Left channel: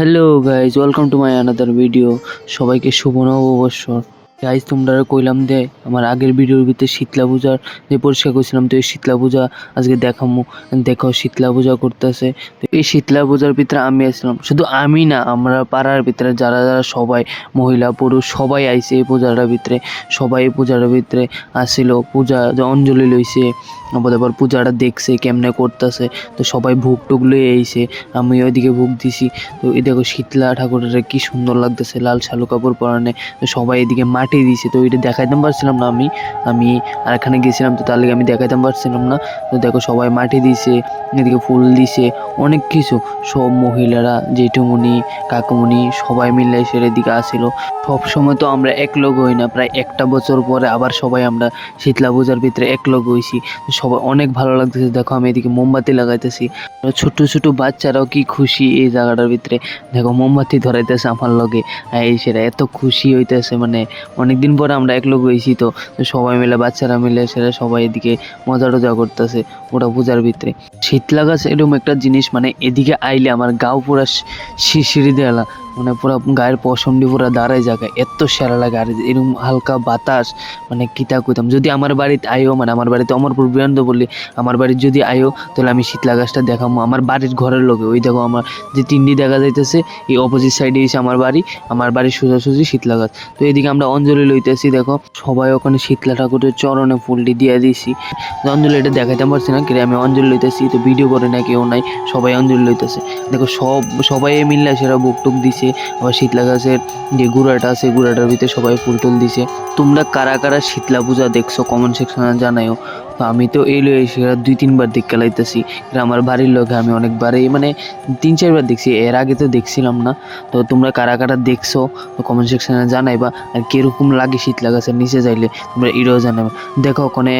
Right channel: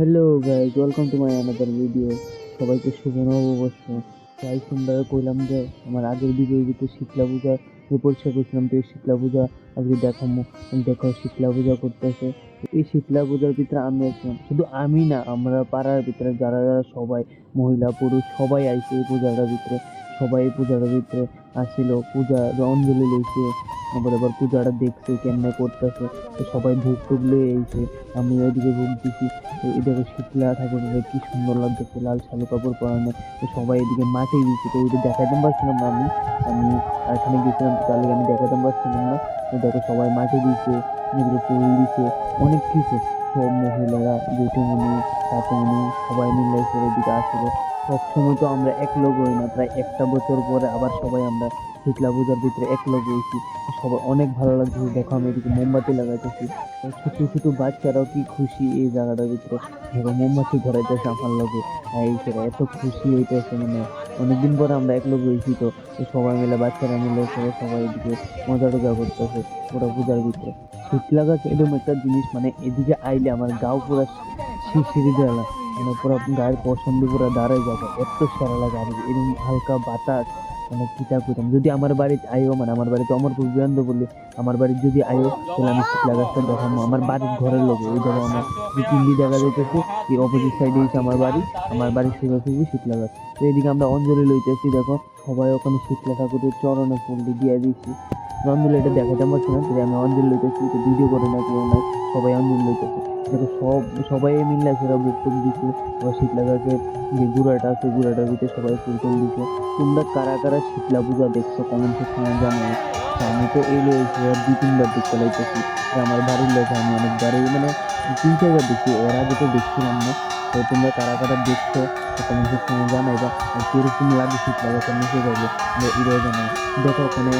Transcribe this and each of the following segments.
Hello guys, welcome to my another video. সবাইকে শুভ নববর্ষ। Guys তোমরা কইলাম দে আমার আগের ভিডিওর ভিতরে শীতলা পূজার যে পরিষ্কার করছিলাম, তো এই শীতলা পূজা আজকে দেখামো। দেখো শীতলা পূজা করতেছে। তো এই শীতলা পূজার ভিতরে আমি আসলাম, শুধু আমি না, আমরা পাড়ার ভিতরে যারা যারা সবাই মহিলা পুরুষ সবাই আইছে এই পূজাটার ভিতরে। সবাই এই পূজাটার ভিতরে আসছিল, পূজা যে অঞ্জলি লইছে, আবার পূজাটা দেখছে কেমনে করতেছে। তো সবাই ভোগ টুক লয়ে আইছে, আমি ওইদিকে ভোগ দিছি। তো এই দেখো শীতলা ঠাকুরের কি সুন্দর লাগতেছে, লাল শালু কাপড় পরানে। তো সবাই এদিকে মাটি দিছে, তো ওইটা দেখাইতে পারছিলাম না। আমি আর এখানে গেছিলাম, তো তার লিগে আমি দেখাইতে পারছিলাম না। তো দেখো সবাই মাটি দিছে, এদিকে ফুল দিছে, অনেক কিছু। সব মহিলারা, জেঠুমণি, কাকুমণি সবাই মিলে সেটার দিকে আসিল। সব সময় তো আমরা এক লোক হই না, প্রায় একটা বছর পরে আবার সবাই আমরা শীতলা পূজার ভিতরে এক লোক হইছি। সবাই অনেক ভালো লাগতেছে। দেখো আমি এদিকে মোমবাতি লাগাইতেছি, ছোট ছোট বাচ্চারাও কি খুশি এই জায়গাটার ভিতরে। দেখো মোমবাতি ধরাইতেছে আমার লগে, এই সেটা এত খুশি হইতেছে। মানে অনেকদিন পরে আমরা এক লোক হয়েছি, তো সবাই মিলে বাচ্চারা মিলে সেটা সবাই এদিকে মজা টজা করতেছে ওটা পূজার ভিতরে। শীতলা গাছ এরকম একটা জিনিস, মানে এদিকে আইলে আমার গাও পুরা শিরশিরি দেওয়া, মানে পুরো গায়ের পশমটি পুরো দাঁড়ায় জায়গায়, এত সেরা লাগে। আর এরকম হালকা বাতাস, মানে কিতা কইতাম। যদি আমার বাড়িতে আইও, মানে আমার বাড়িতে অমরপুর বিরান্দ বললি, আমার বাড়ির যদি আইও তাহলে আমি শীতলা গাছটা দেখাবো আমার বাড়ির ঘরের লোকে। ওই দেখো আমার যে তিনটি দেখা যাইতেছে, এই অপোজিট সাইডে এসে আমার বাড়ির সোজাসুজি শীতলা গাছ। তো এদিকে আমরা অঞ্জলি লইতেছি, দেখো সবাই ওখানে শীতলা ঠাকুরের চরণে ফুলটি দিয়ে দিছি। অঞ্জলি এটা দেখাইতে পারছি না, কিন্তু আমি অঞ্জলি লইতেছি, তো ভিডিও করে না কেউ নাই, সবাই অঞ্জলি লইতেছে। দেখো সবাই মিললে সেটা বুক টুক দিছে। আবার শীতলা গাছের যে গুঁড়াটা আছে, গুঁড়াটার ভিতরে সবাই ফুল টুল দিছে। তোমরা কারা কারা শীতলা পূজা দেখছো কমেন্ট সেকশনে জানাও। আমি তো এই লই এসে 2-3 বার দেখতে লাইতেছি। আমার বাড়ির লোকে আমি অনেকবারই, মানে 3-4 বার দেখছি, এর আগে তো দেখছিলাম না। তো তোমরা কারা কারা দেখছো তো কমেন্ট সেকশনে জানাইবা। আর কীরকম লাগে শীতলা গাছের নিচে যাইলে তোমরা এটাও জানাও। দেখো ওখানে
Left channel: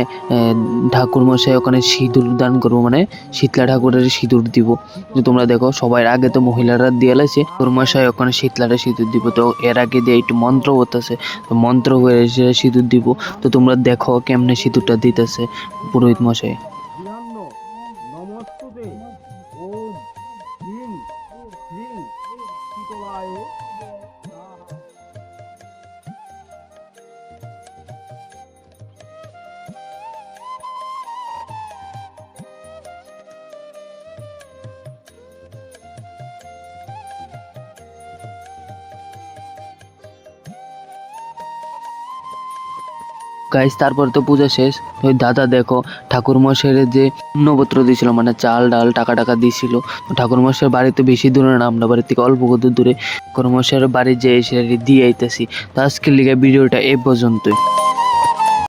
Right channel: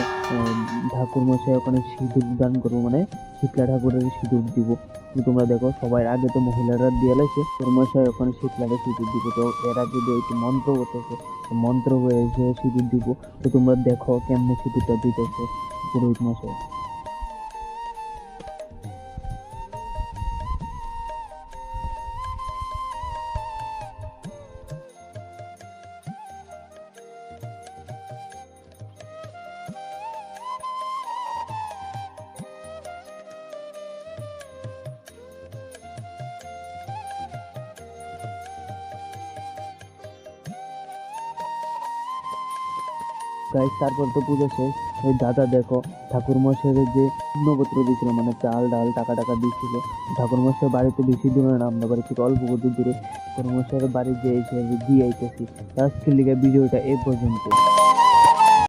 ঠাকুর মশাই ওখানে সিঁদুর দান করবো, মানে শীতলা ঠাকুরের সিঁদুর দিব। যে তোমরা দেখো সবাই আগে তো মহিলারা দিয়ে লাইছে, ঠাকুর মশাই ওখানে শীতলাটা সিঁদুর দিব। তো এর আগে দিয়ে একটু মন্ত্র হতেছে, তো মন্ত্র হয়ে সিঁদুর দিব। তো তোমরা দেখো কেমনে সিঁদুরটা দিতেছে পুরোহিত মশাই। গাইস তারপর তো পূজা শেষ। ওই দাদা দেখো ঠাকুর মশাইয়ের যে অন্নপত্র দিয়েছিল, মানে চাল ডাল টাকা টাকা দিয়েছিল। ঠাকুর মশাইয়ের বাড়িতে বেশি দূরে না, আমরা বাড়ি থেকে অল্প কত দূরে। ঠাকুর মশাইয়ের বাড়ি যে এসে দিয়ে আইতেছি। তো আজকের লিগে ভিডিওটা এই পর্যন্তই।